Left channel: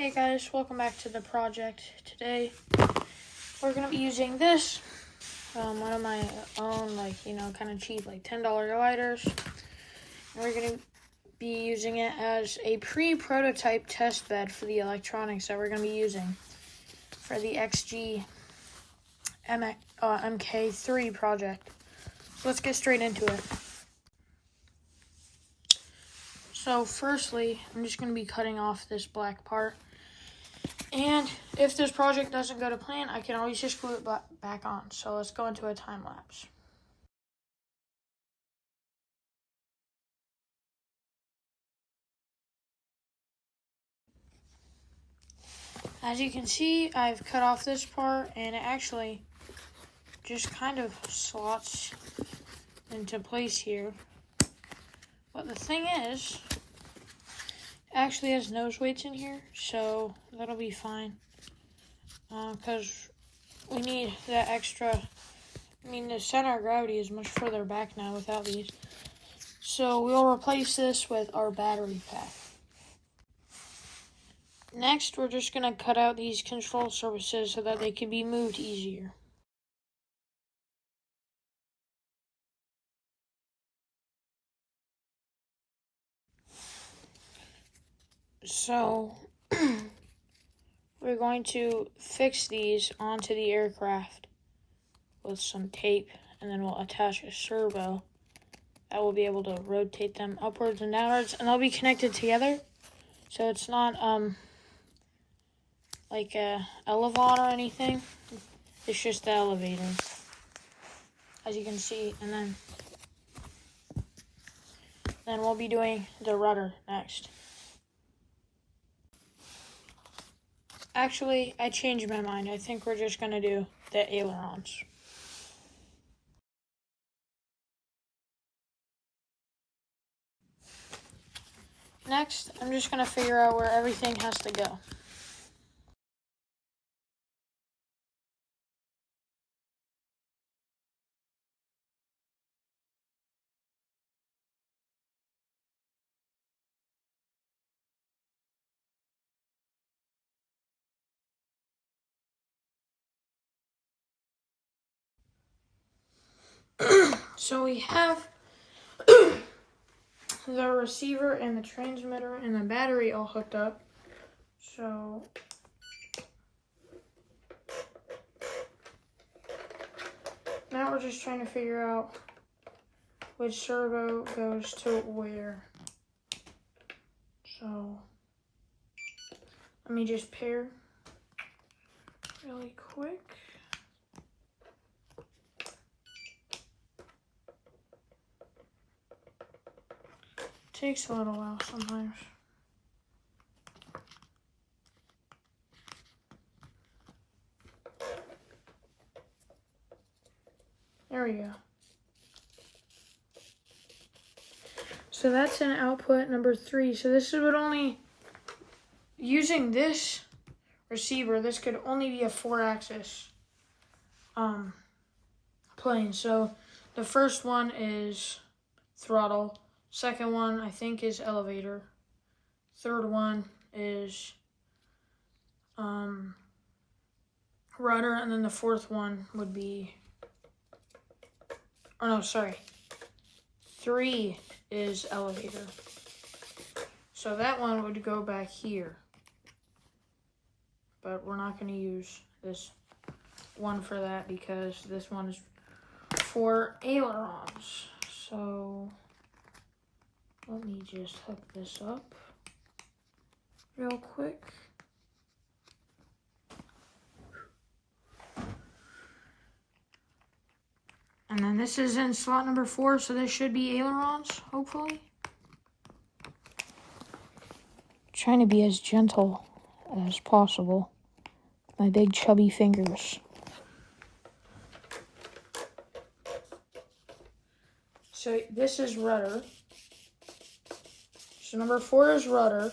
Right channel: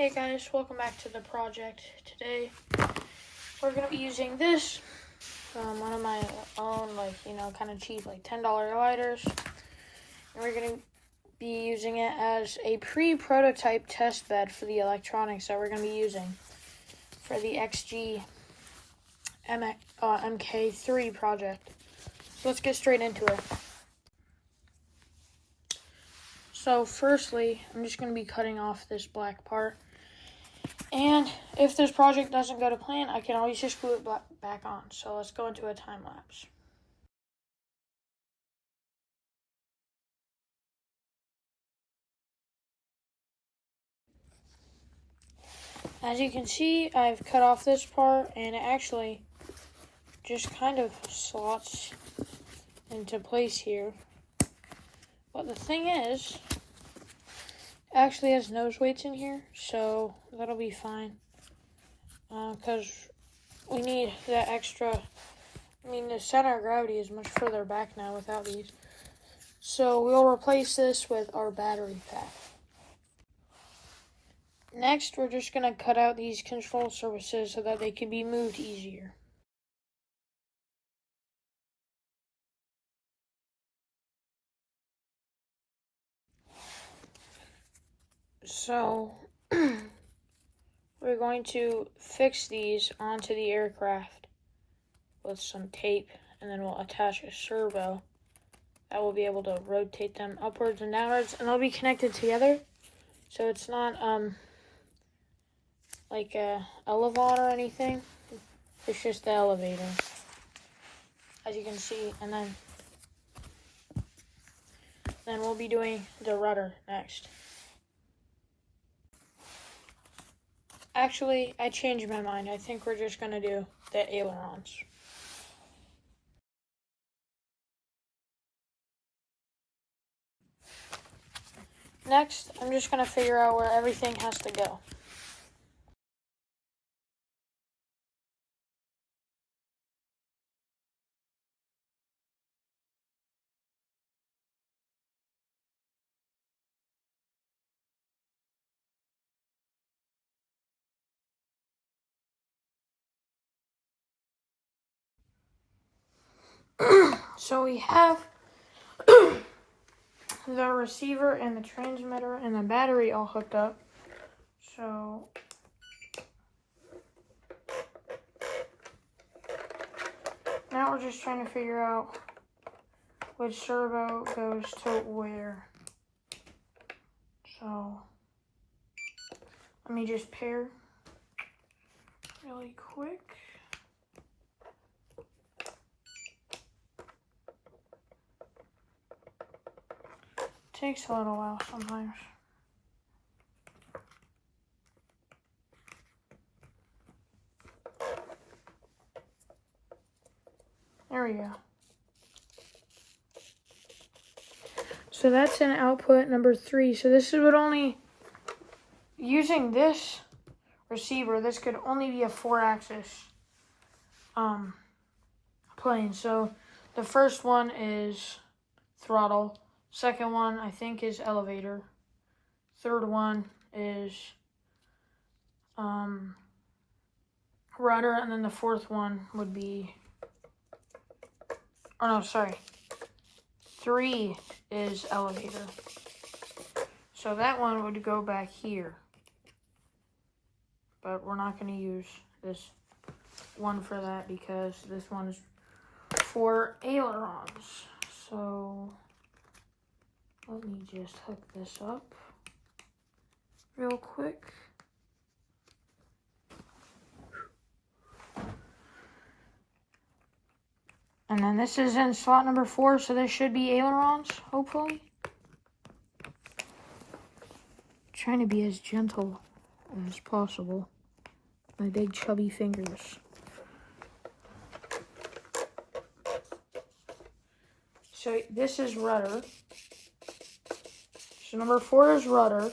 Hey guys, welcome back to the project. Today we're going to be using this, one of my own, kind of cheap, $10 lighters. And we're going to be using it as a pre-prototype test bed for the electronics that we're going to be using for the MK3 project. So let's get straight into it. So firstly, I'm just going to be cutting off this black part. And if this project doesn't go to plan, I can always just glue it back on. So let's go into a time lapse. As you can see, I've cut off this part and it actually just kind of slots into place here. But the thing is, it actually has nose weights in here, so that'll be fine. Because we need that extra. The center of gravity is much further back now without these. So we'll replace this with our battery pack. Next, we're just going to cut out these control surfaces so that they can be moved easier. So, we're going to fix these onto the aircraft with some tape, and then we'll attach a servo that will be able to rotate them upwards and downwards, and they'll be connected together. So it's not like a elevon or anything. It's just the elevator, as you can see. And then we'll be doing the rudder next. Actually, I changed my mind. I think we're just going to do the ailerons. Next, I'm just going to figure out where everything has to go. So we have the receiver and the transmitter and the battery all hooked up. So now we're just trying to figure out which servo goes to where. So let me just pair really quick. Takes a little while sometimes. There we go. So that's an output number 3. So this would only, using this receiver, this could only be a 4-axis plane. So the first one is throttle. Second one, I think, is elevator. Third one is rudder, and then the fourth one would be, 3 is elevator. So that one would go back here. But we're not going to use this one for that because this one is for ailerons. So let me just hook this up real quick. And then this is in slot number 4, so this should be ailerons, hopefully. Trying to be as gentle as possible. My big chubby fingers. So this is rudder. So number 4 is rudder.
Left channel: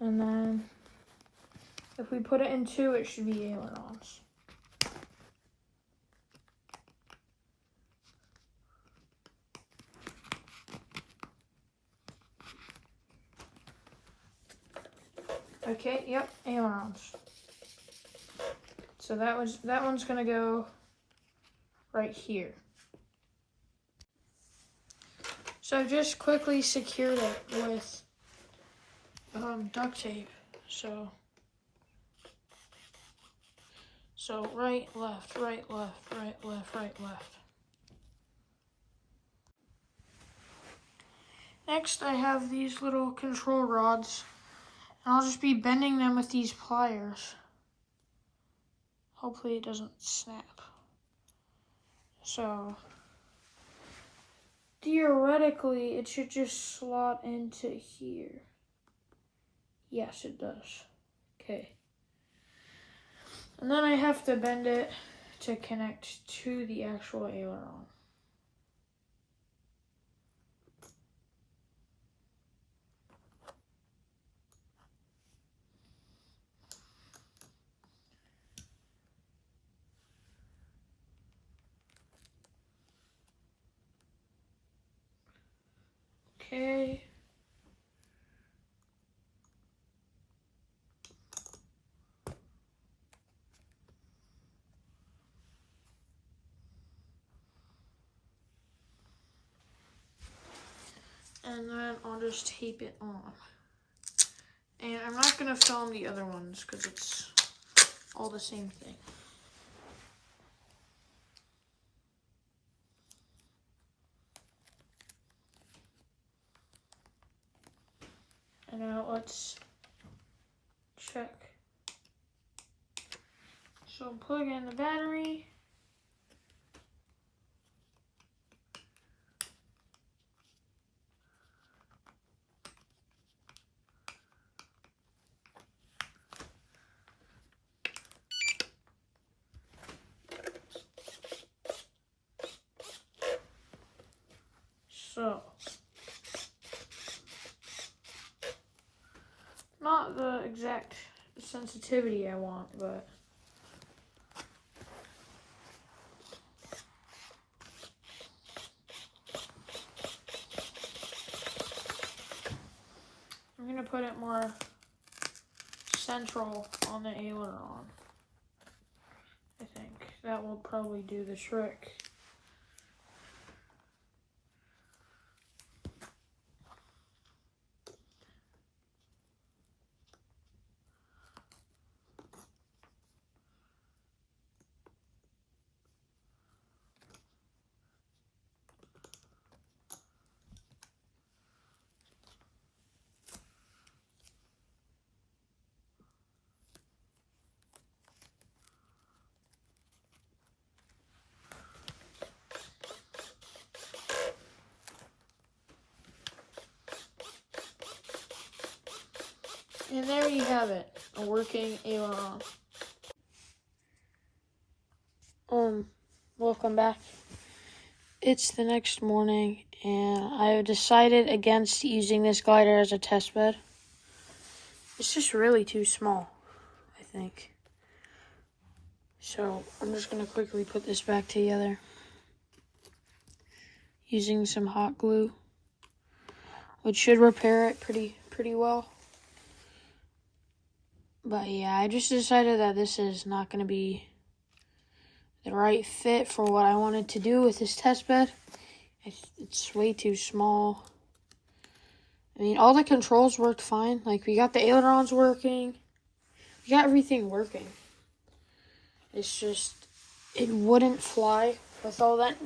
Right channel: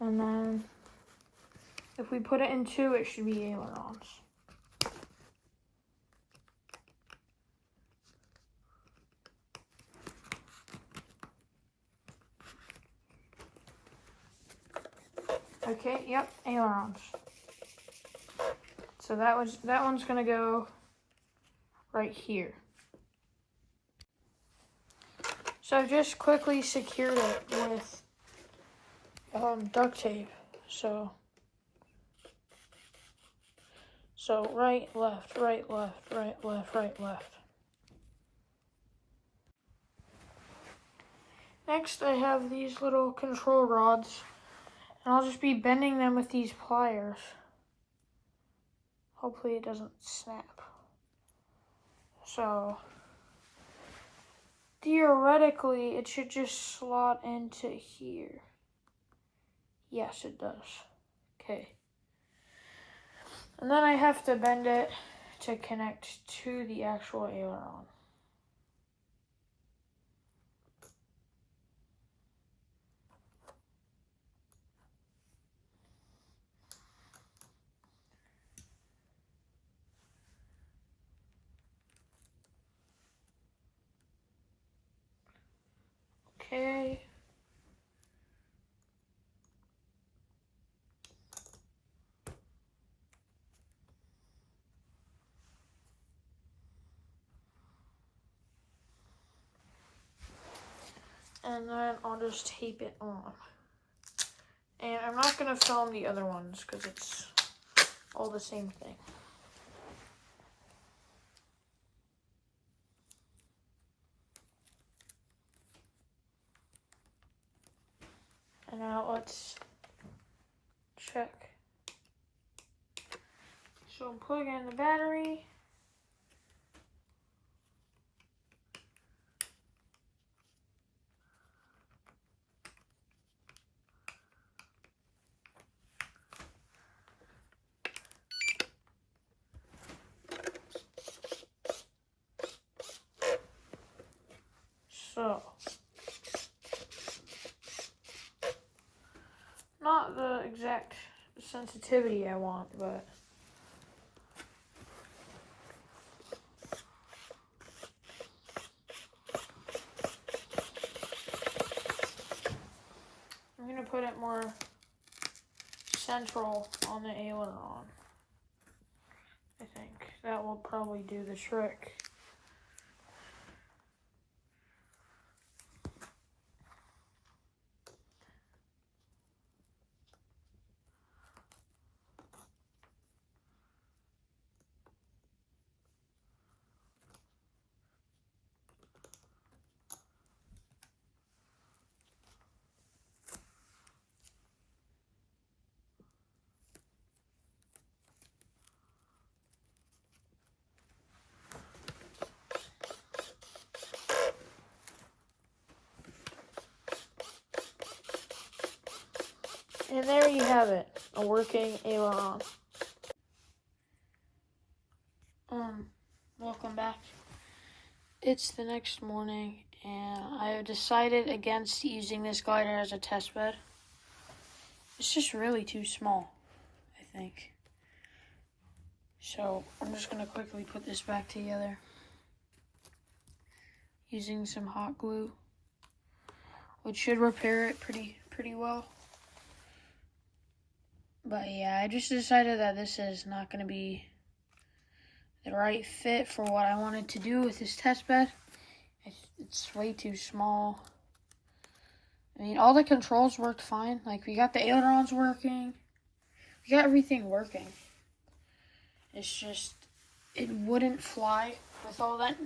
And then if we put it in 2, it should be ailerons. Okay, yep, ailerons. So that one's gonna go right here. So I've just quickly secured it with duct tape. So right, left, right, left, right, left, right, left. Next, I have these little control rods, and I'll just be bending them with these pliers. Hopefully it doesn't snap. So, theoretically, it should just slot into here. Yes, it does. Okay. And then I have to bend it to connect to the actual aileron. Okay. And then I'll just tape it on. And I'm not going to film the other ones because it's all the same thing. And now let's check. So I'm plugging in the battery. So, not the exact sensitivity I want, but I'm going to put it more central on the aileron. I think that will probably do the trick. And there you have it, a working aileron. Welcome back. It's the next morning, and I have decided against using this glider as a test bed. It's just really too small, I think. So I'm just gonna quickly put this back together using some hot glue, which should repair it pretty well. But yeah, I just decided that this is not going to be the right fit for what I wanted to do with this test bed. It's way too small. I mean, all the controls worked fine. Like, we got the ailerons working. We got everything working. It's just, it wouldn't fly with all that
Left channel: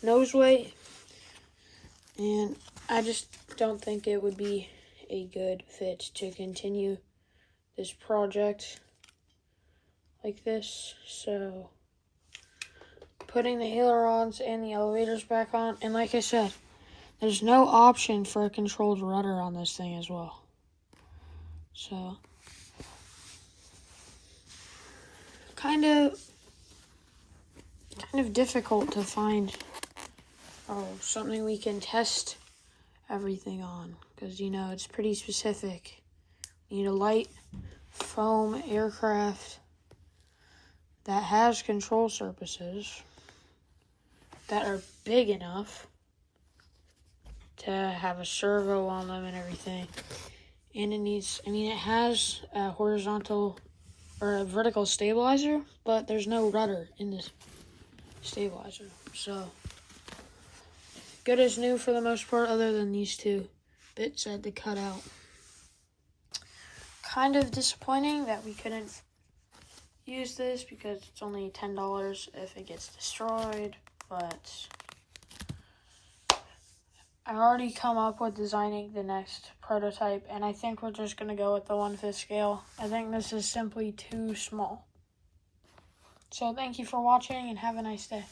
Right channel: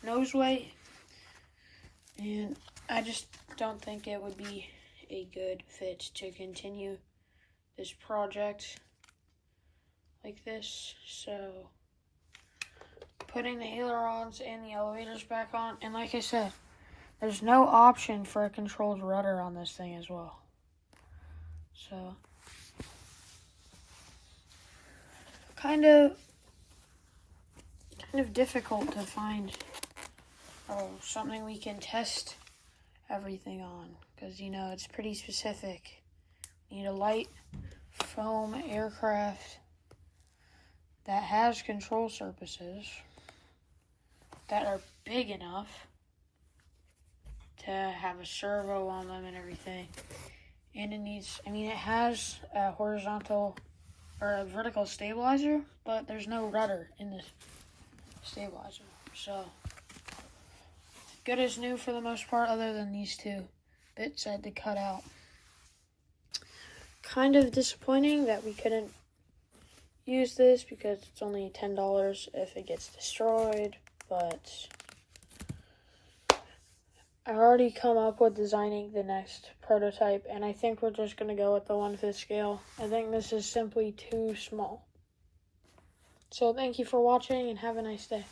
nose weight. And I just don't think it would be a good fit to continue this project like this. So, putting the ailerons and the elevators back on. And like I said, there's no option for a controlled rudder on this thing as well. So, kind of difficult to find something we can test everything on. Because, you know, it's pretty specific. You need a light foam aircraft that has control surfaces that are big enough to have a servo on them and everything. And it has a horizontal or a vertical stabilizer, but there's no rudder in this stabilizer. So, good as new for the most part, other than these two bits I had to cut out. Kind of disappointing that we couldn't use this because it's only $10 if it gets destroyed, but I've already come up with designing the next prototype, and I think we're just going to go with the 1/5 scale. I think this is simply too small. So thank you for watching, and have a nice day.